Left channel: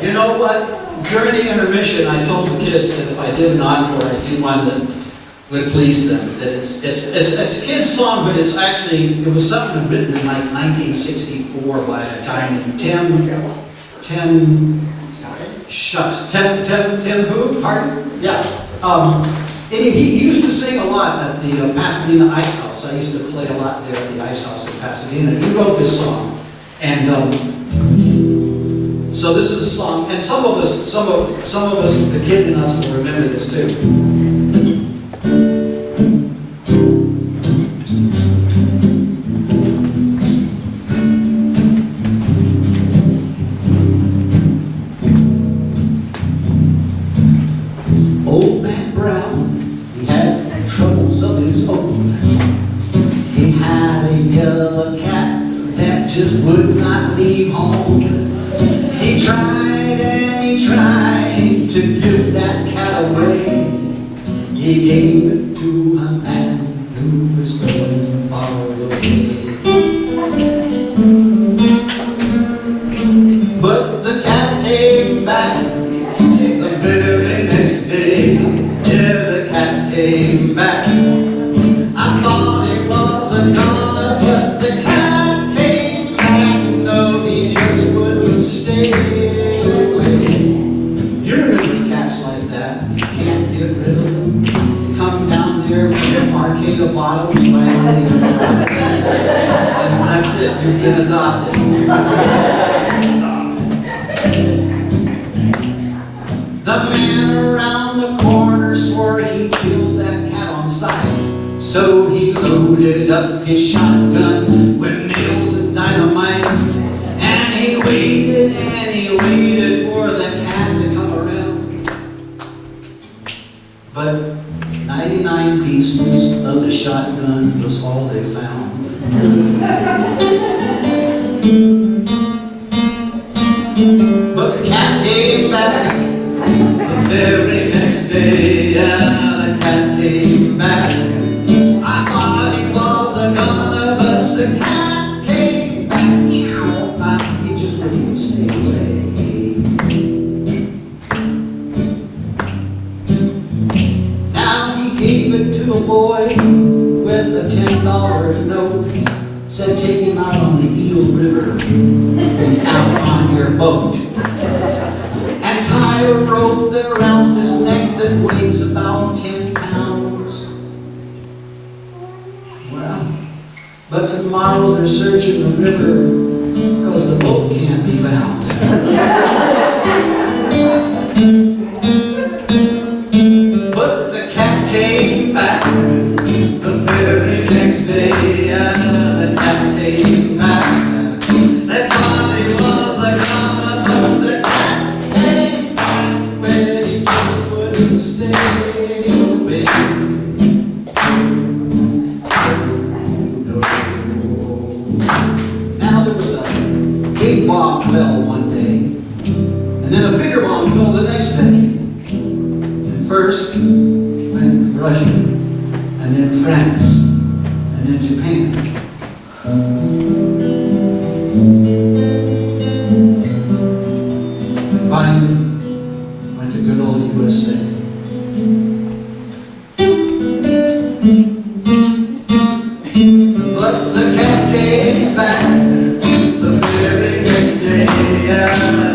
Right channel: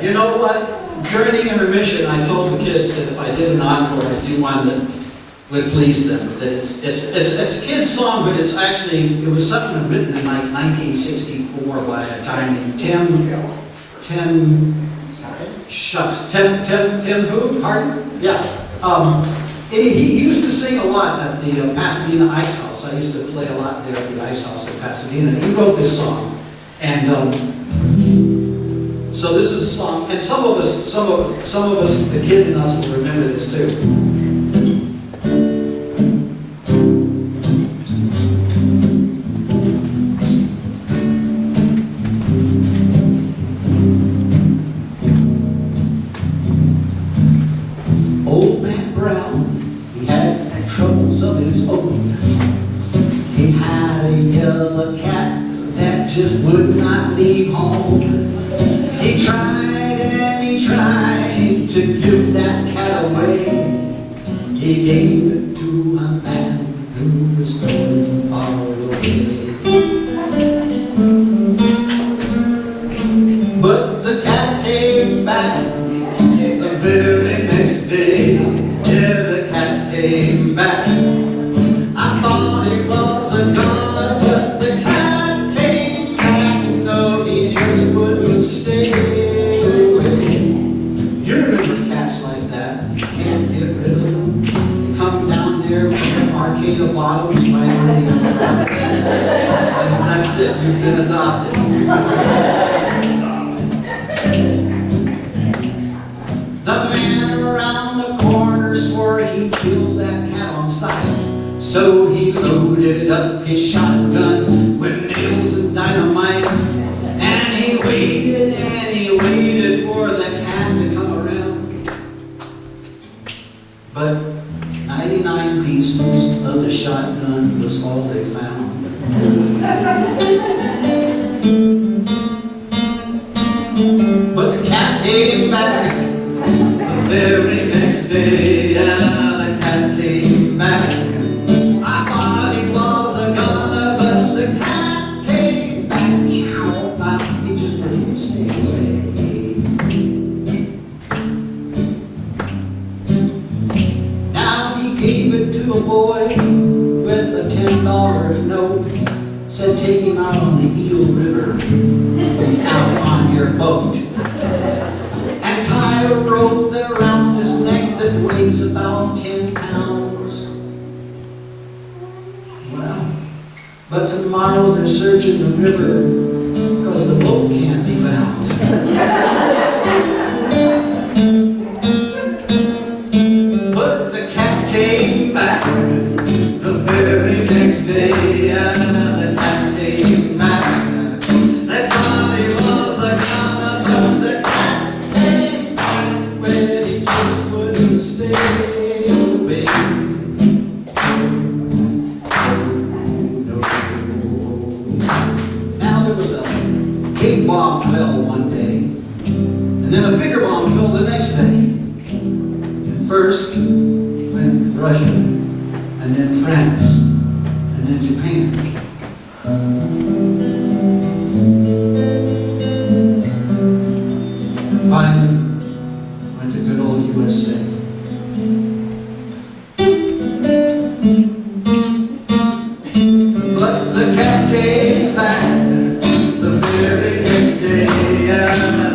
You know what? During the intermission, I told the kids that if I did an encore, I do one that would please them. That it's a kid's song, but it's actually, it was something written in like 1964 by a guy named Tim who? Pardon? Yeah. And he used to sing a lot at the Pasadena Ice House. I used to play a lot there at the Ice House in Pasadena. He wrote this song. And so this is a song, and some of us, the kid in us will remember this too. Old Man Brown, he had troubles of his own. He had a yellow cat that just would not leave home. He tried and he tried to give that cat away. He gave it to a man who was going far away. But the cat came back the very next day. Yeah, the cat came back. I thought it was a goner, but the cat came back. No, he just wouldn't stay away. You remember cats like that. You can't get rid of them. They come down there with the arcade of bottles by everybody and that's it. You've been adopted. The man around the corner swore he killed that cat on sight. So he loaded up his shotgun with nails and dynamite. And he waited for the cat to come around. But 99 pieces of the shotgun was all they found. But the cat came back the very next day. Yeah, the cat came back. I thought he was a goner, but the cat came back. He just wouldn't stay away. Now he gave it to a boy with a $10 note. Said take him out on the Eel River, out on your boat. And tie a rope around his neck that weighs about 10 pounds. Well, but tomorrow they're searching the river because the boat can't be found. But the cat came back the very next day. The cat came back. They thought he was a goner, but the cat came back when he just wouldn't stay away. Now there was a big bomb fell one day, and then a bigger bomb fell the next day. And first went Russia, and then France, and then Japan. And finally went to good old USA. But the cat came back the very next day. Yeah.